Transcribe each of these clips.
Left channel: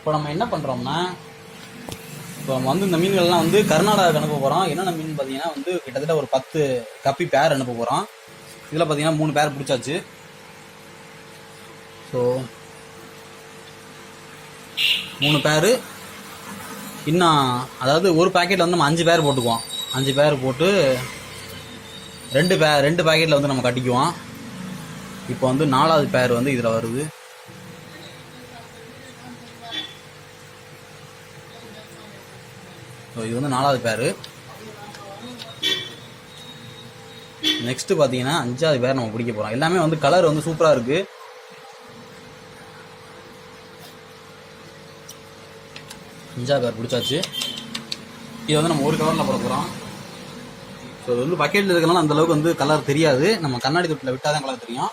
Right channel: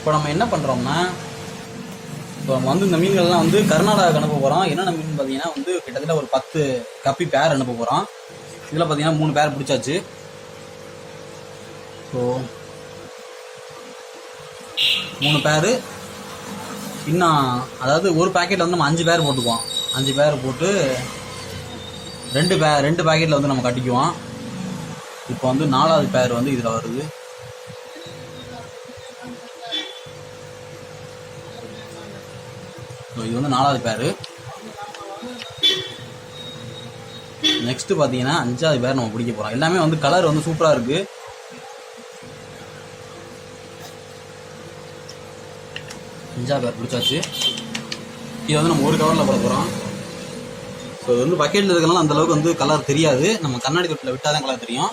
இப்போ நம்ம என்ன பண்ணுறோம்னா, இப்போ நம்ம வந்து இந்த மீன்கள்லாம் வந்து கர்நாடகாவுக்கு அனுப்ப போகிறோம். என்னென்ன மீன் பார்த்தீங்கன்னா வந்து கிட்டத்தட்ட ஒரு 10 கப்பி பேர் அனுப்ப போகிறோம். இதில் பார்த்தீங்கன்னா 3 பேர் பிடிச்சாச்சு. ஸோ 3 பேர் இன்னும், அதாவது ஒரு பேக்கெட்டில் வந்து நம்ம 5 பேர் போட்டுக்குவோம். 5 பேர் போட்டு 2 பேக்கெட்டில் வந்து நம்ம கட்டிக்குவோம். இப்போ வந்து 4வது பேர் வந்து இதில் வருது. ஸோ இது வந்து 4வது பேர். நெக்ஸ்ட் பார்த்தீங்கன்னா 5வது பேர் நம்ம பிடிக்க போகிறோம். எல்லாமே வந்து கலர் வந்து சூப்பராக இருக்கு. பேர் பிடிச்சாச்சு. இது வந்து நம்ம ஒரு கவரில் போட போகிறோம். ஸோ இது வந்து பக்கெட்டில் இருக்கலாம் அந்த அளவுக்கு வந்து கலர் தெரியாது. நம்ம கண்ணாடி தொட்டில் விட்டால் தான் கலர் தெரியும்.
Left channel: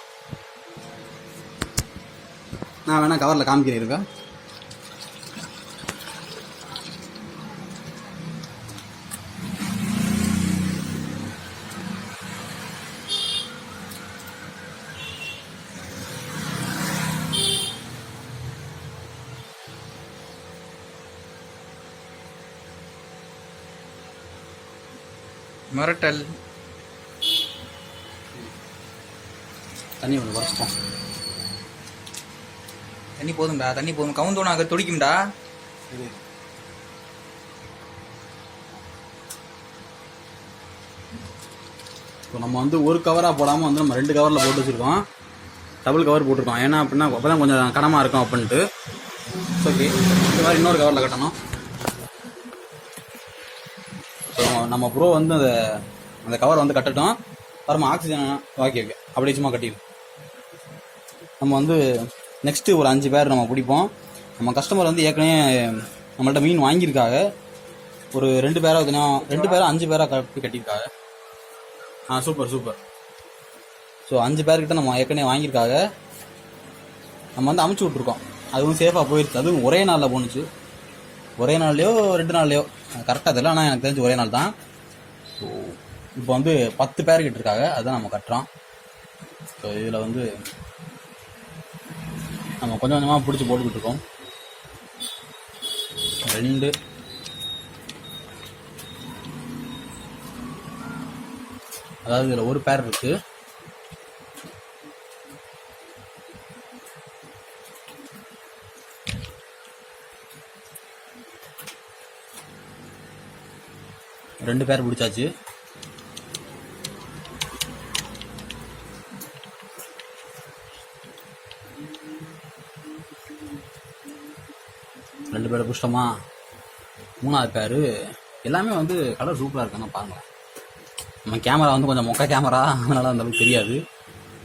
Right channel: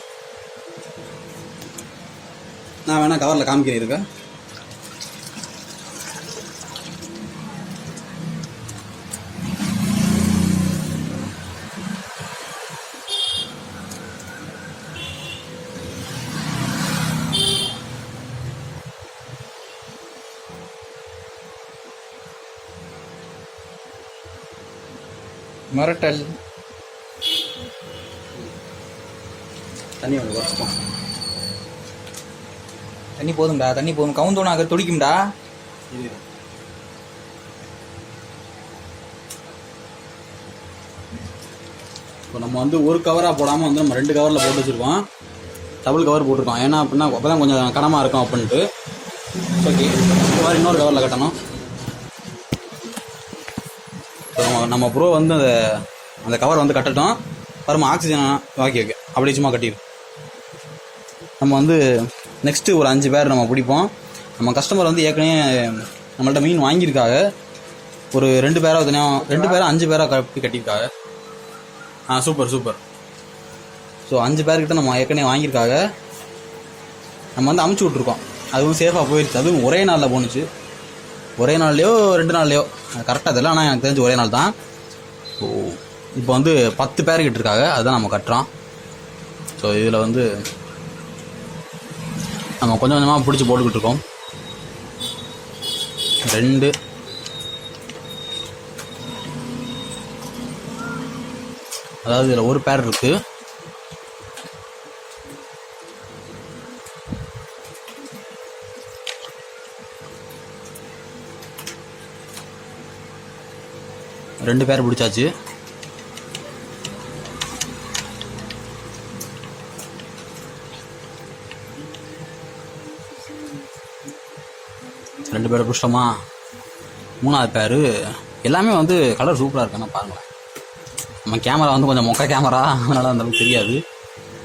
நான் வேணா கவரில் காமிக்கிறேன் இருக்கேன். மரட்டல் தண்ணி வந்து குறைச்சிப்போம். தண்ணி போதும்டா, தண்ணி போதும். கவுந்தோனா அதை துடிக்கும்டா. இப்போ நம்ம வந்து ஒரு கவராக போடாமல் வந்து நம்ம 2 கவரில் போட்டு வச்சுருக்கோம். டபுள் கவர் போட்டிருக்கோம். ஏன்னா அப்படின்னா அப்போ தான் கொஞ்சம் கனமாக இருக்கும் அப்படின்ட்டு. ஓகே, இந்த மாதிரி இன்னொரு கவரில் கட்டணும். நம்ம ப்ரோ வந்து அந்த கவர் வந்து கட்டட்டும். பரம ஆக்சிஜன் வாக்கி வைக்க அப்படியே சும்மா கட்டிடும். நம்ம வந்து நெக்ஸ்ட்டு ஒரு 5 பேர் நம்ம பிடிப்போம். நம்ம கஸ்டமர் வந்து ஏற்கனவே நம்மள்ட்ட மீன் வாங்கியிருக்காங்க. ஒரு 2 பேராக தனியாக 2 பேராக 5 பேராக கட்டியிருக்காங்க. சூப்பர். ஸோ 5 பேர்கிட்ட நம்ம ஏற்கனவே வாங்கியிருக்காங்க. நம்ம வந்து அமுச்சு விட்ருக்கோம். அது வந்து சேஃபாக போயிடுச்சு. அதுவும் ஒரே நாளில் போணுச்சு. ஒரே நாள்லையோ 2 நாள்லையோ கரெக்டாக தெரியல. ஆனால் எனக்கு தெரிஞ்சு ஒரே நாள் தான். ஸோ இப்போ வந்து 10 பேர்கிட்ட இருக்காங்க. அதுதான் நம்ம கட்டுறோம். ஸோ இதில் வந்து நம்ம கொஞ்சம் கொஞ்சமாக பிடிச்சி போட்டுக்கிட்டு இருக்கோம். 2 அதாவது இதில் ஒரு பேர் இருக்கு. ரெண்டு பேர் பிடிச்சாச்சு. ரெண்டு பேரை பிடிச்சிட்டோமா? 3வது பேர் எல்லாமே வந்து கலர் சூப்பராக இருக்காங்க பாருங்கள். நம்ம கேமரா வந்து கொஞ்சம் மொக்க கேமரா, அதனால நமக்கு தெரியாது.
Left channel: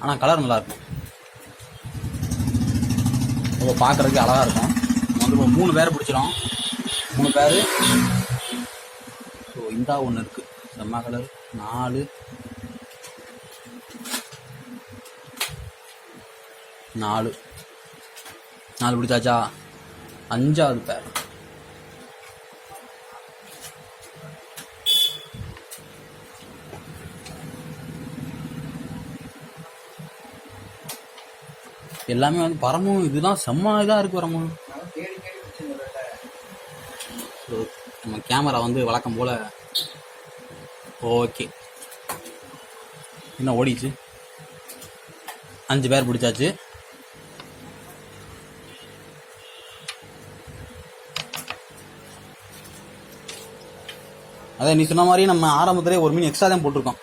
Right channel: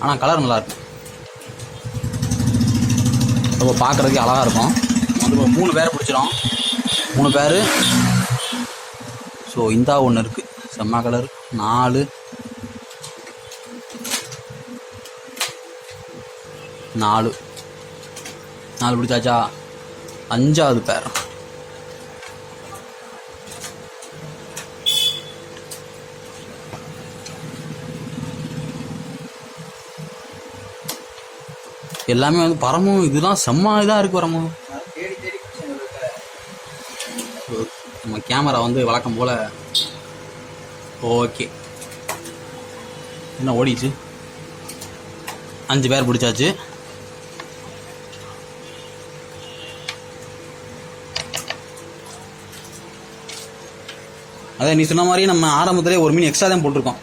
ஆனால் கலர் நல்லா இருக்கு. ரொம்ப பார்க்குறதுக்கே அழகாக இருக்கும். வந்து ஒரு 3 பேரை பிடிச்சிடும். 3 பேர். ஸோ இந்தா ஒன்று இருக்குது செம்ம கலர். 4 பிடிச்சாச்சா? 5வது பேர். எல்லாமே வந்து பரமும் இதுதான் செம்ம இதாக இருக்கு. பரமும் நம்ம கேமரா வந்து வழக்கம் போல ஓகே. என்ன ஓடிச்சு? 5 பேர் பிடிச்சாச்சு. அதே நீ சொன்ன மாதிரியே நம்ம ஆரம்பத்திலே ஒரு மீன் எக்ஸ்ட்ரா தான் போட்டிருக்கோம்.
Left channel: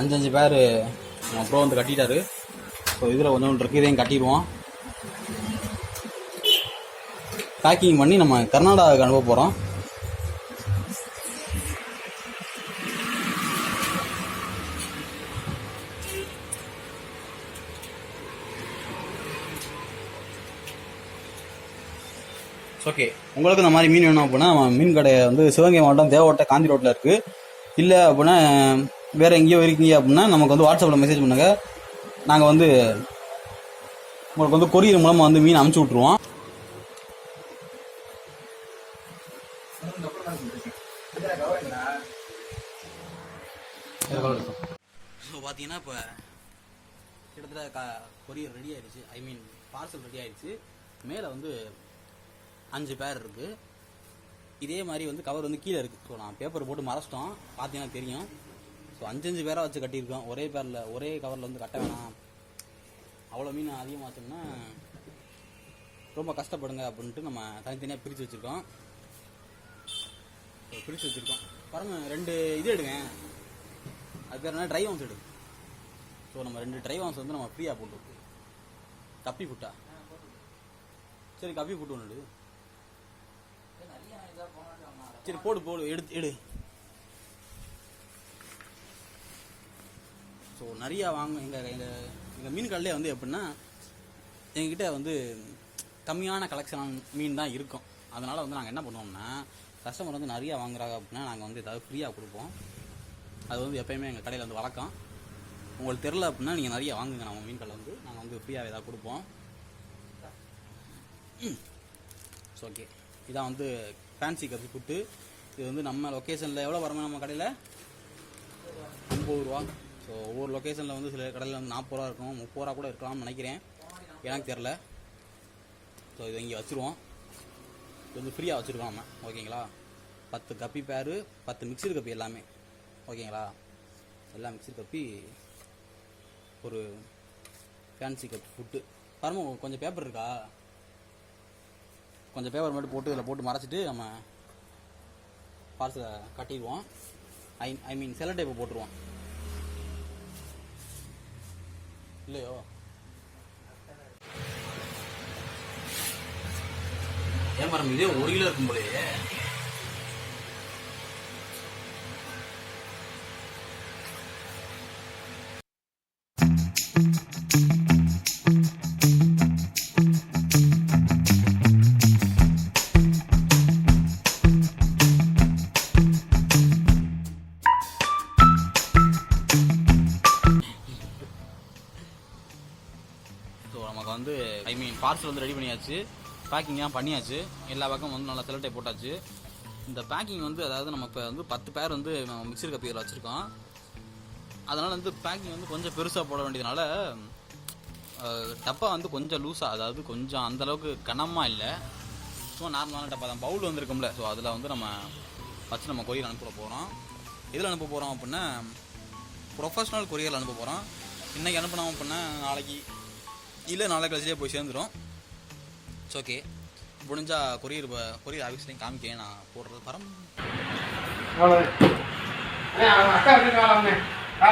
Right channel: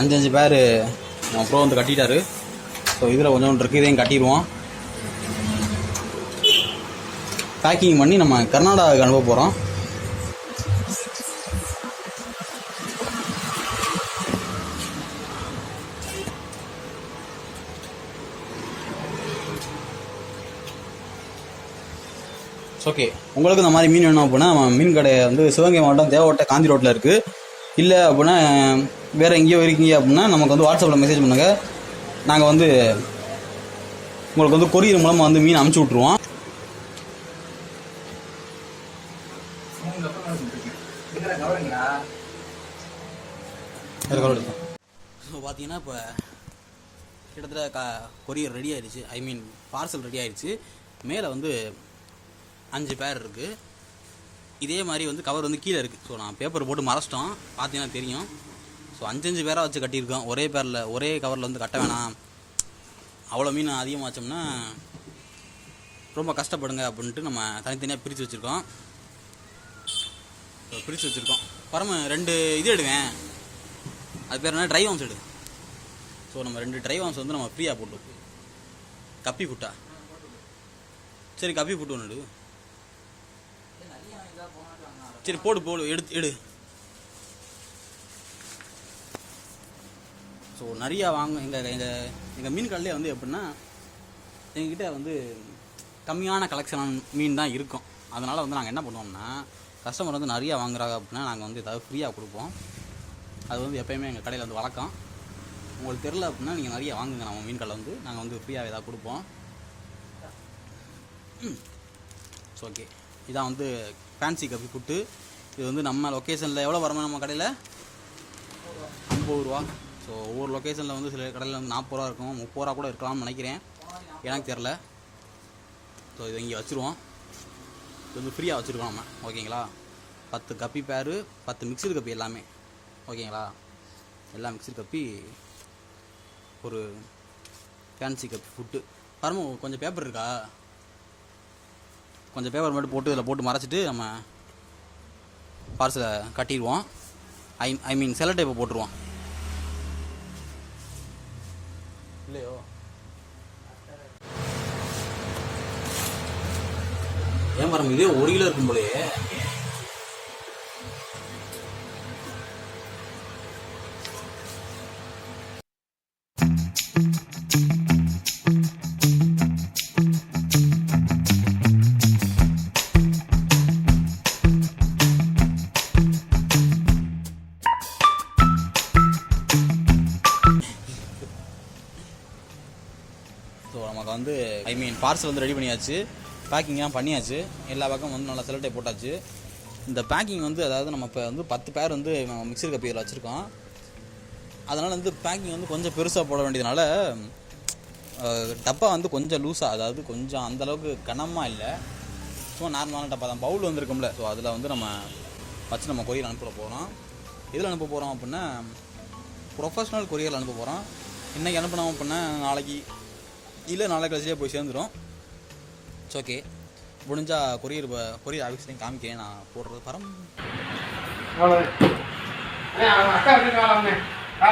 5 பேர் நம்ம ப்ரோ வந்து கட்டிட்டாரு. ஸோ இதில் கொஞ்சம் இருக்கு, இதையும் கட்டிடுவோம். பேக்கிங் பண்ணி நம்ம கர்நாடகாவுக்கு அனுப்ப போகிறோம். ஓகே, உங்களுக்கு இந்த மாதிரி மீன் வேணும் அப்படின்னா நம்ம மீன் கடை வந்து சிவகங்கை மாவட்டம் தேவகோட்டை காந்தி ரோட்டில் இருக்குது. இல்லை அப்படின்னா வேறு எங்கேயோ இருக்கீங்க அப்படின்னா நமக்கு வந்து வாட்ஸ்அப்பில் மெசேஜ் பண்ணுங்கள். நாங்கள் வந்து உங்களுக்கு வந்து கொரியர் மூலமாக வந்து மீன் அனுப்பிச்சி விட்ருவோம். இப்போ பார்த்தீங்கன்னா இப்போ கிட்டத்தட்ட கொரியர் ரெடி ஆயிடுச்சு. ஐ மீன் பார்சல் ரெடி ஆயிடுச்சு. மேலே வந்து 5 பேர் இருக்குது. இதே மாதிரி வந்து கவர் வந்து கீழே இருக்குது. ஸோ நான் பேப்பர் போட்டு மறைச்சிட்டோம், பார்த்தீங்கன்னா தெரியும். ஸோ 5 பேராக வச்சு கட்டியிருக்கோம். ஒரே கவரில் வந்து கட்ட வேணாம், அவ்வளோ மீன் அதிகமாக வச்சோம்னா ரொம்ப கஷ்டப்படுங்க அப்படின்ட்டு நம்ம தனித்தனியாக பிரித்து வச்சுருக்கோம். பரம 2 இது எடுங்க, அது பேர் என்ன, ட்ரை வாம்ஸ் எடு. ஸோ நம்ம 2 ட்ரை வாம்ஸ் வந்து நம்ம ஃப்ரீயாக போட்டுருக்கோம். கப்பி புட்டா, சரி கப்பி புட்டு ஒன்று எடு. சரி போடு எடு. ஸோ நிறையா வாங்க எங்கள் மீன் கடையிலே வந்து எப்படின்னா எங்ககிட்ட வந்து கம்மியான கலெக்ஷன் மீன் தான் இருக்கும். அதனால் வந்து நாங்கள் என்ன பண்ணுவோம்னா, கஸ்டமர் வந்து நிறையா வாங்குறாங்க அப்படின்னா நாங்கள் வந்து ஏதாவது ஃப்ரீயாக கொடுப்போம். அது வந்து எப்போயுமே எங்கள் கடையில் வந்து வழக்கம். உங்களுக்கு தெரில அப்படின்னா நீங்கள் நிறைய வாங்குங்க, நம்ம மீன் கடையில் வந்து நாங்கள் வந்து ஃப்ரீயாக ஏதாவது கொடுப்போம். ஓகே, இதான் வந்து ஃபேன்சி கப்பி புட்டு. இது வந்து நம்ம லொக்கேஷனில் எவ்வளோ வரணும், நம்ம கடையில் 30 ரூபா. ஸோ ஒவ்வொரு லொக்கேஷனில் வந்து சில கடையில் வந்து 40 ரூபா இருக்கும், 30 ரூபா கூட இருக்கலாம்னு நினைக்கிறேன், எனக்கு தெரில. ஸோ இதை இங்கே வச்சுருவோம். இது வந்து ஃப்ரீயாக வச்சுருக்கோம் நம்ம, ஓகேங்களா. 10 கப்பி பேரு, 10 மிக்சர் கப்பி எல்லாமே, ஓகேங்களா. எல்லாம் மிக்சர் கப்பி, ஒரு ஃபேன்சி கப் ஃபுட்டு. பாருங்க, கொஞ்சம் பேப்பர் இருக்கா, கொஞ்சம் பேப்பர் மட்டும் போட்டு இதில் போட்டு மறைச்சிட்டு நம்ம பார்சலை கட்டிடுவோம். ஐ மீன் செல்லோ டேப்பை போட்டுருவோம். இல்லையோ, ஏன் பாருங்க, இதே 1 கிலோ இருக்கும் போலயே. வந்து ஐ மீன் பார்சல் வந்து ரெடி பண்ணியாச்சு, பேக்கிங்லாம் பண்ணியாச்சு, எல்லா பக்கம் வந்து நல்லா செலக்டே போட்டாச்சு. இந்த பேக்கிங் வந்து அதாவது நம்ம இப்போ வந்து 10 பேர் வந்து மிக்சர் கப்பியில் வச்சுருக்கோம். அதனால் வந்து பேக்கிங் வந்து கொஞ்சம் பெருசாக போட வேண்டியதுனால டப்பா வந்து கொஞ்சம் லூஸாக, அதாவது கொஞ்சம் அந்தளவுக்கு கனமாக இல்லை, சும்மா நார்மலான டப்பா தான். பவுல் வந்துருக்கும்ல, ஸோ அதில் வந்து நம்ம வச்சு நம்ம கொரியர் அனுப்ப போகிறோம். எதில் அனுப்ப போகிறோம் அப்படின்னா ப்ரொஃபஷ்னல் கொரியரில் அனுப்ப போகிறோம். இன்றைக்கி அனுப்பினோம் அப்படின்னா நாளைக்கு இல்லை நாளை கழிச்சியே போய் சேர்ந்துடும். இட்ஸ் ஓகே, முடிஞ்சால் கொரியர் ஆஃபீஸ்லையும் காமிக்கிறேன், நான் போடுறது தரம். அக்கா